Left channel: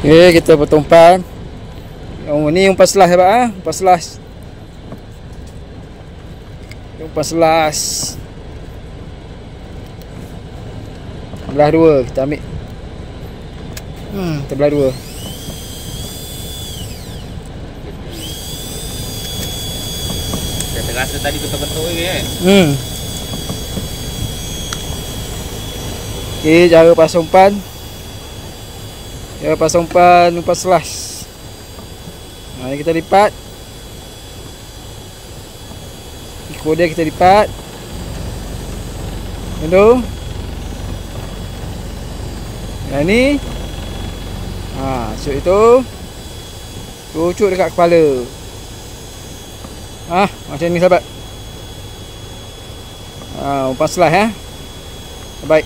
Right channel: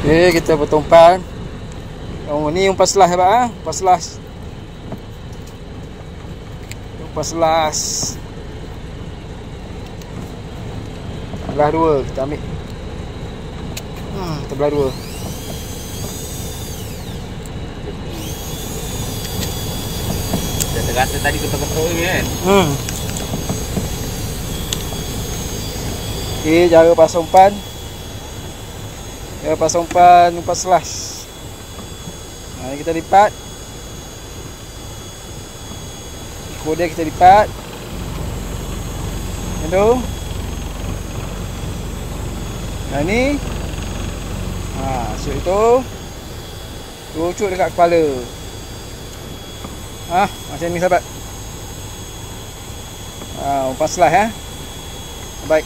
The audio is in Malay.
Okay, kita potong umpan. Oh, ni umpan selas hebat ah, umpan selas. Umpan selas. Belah dua kita ambil. Kita belah dua. Dah terasa tadi ketuk-ketuk ni kan. Okay, cara pasang umpan. Cara pasang umpan selas. Kita lipat. Kemudian kita lipat. Macam yang ni. Masuk itu. Cucuk dekat kepala. Macam ni sahabat. Umpan selas. Baik.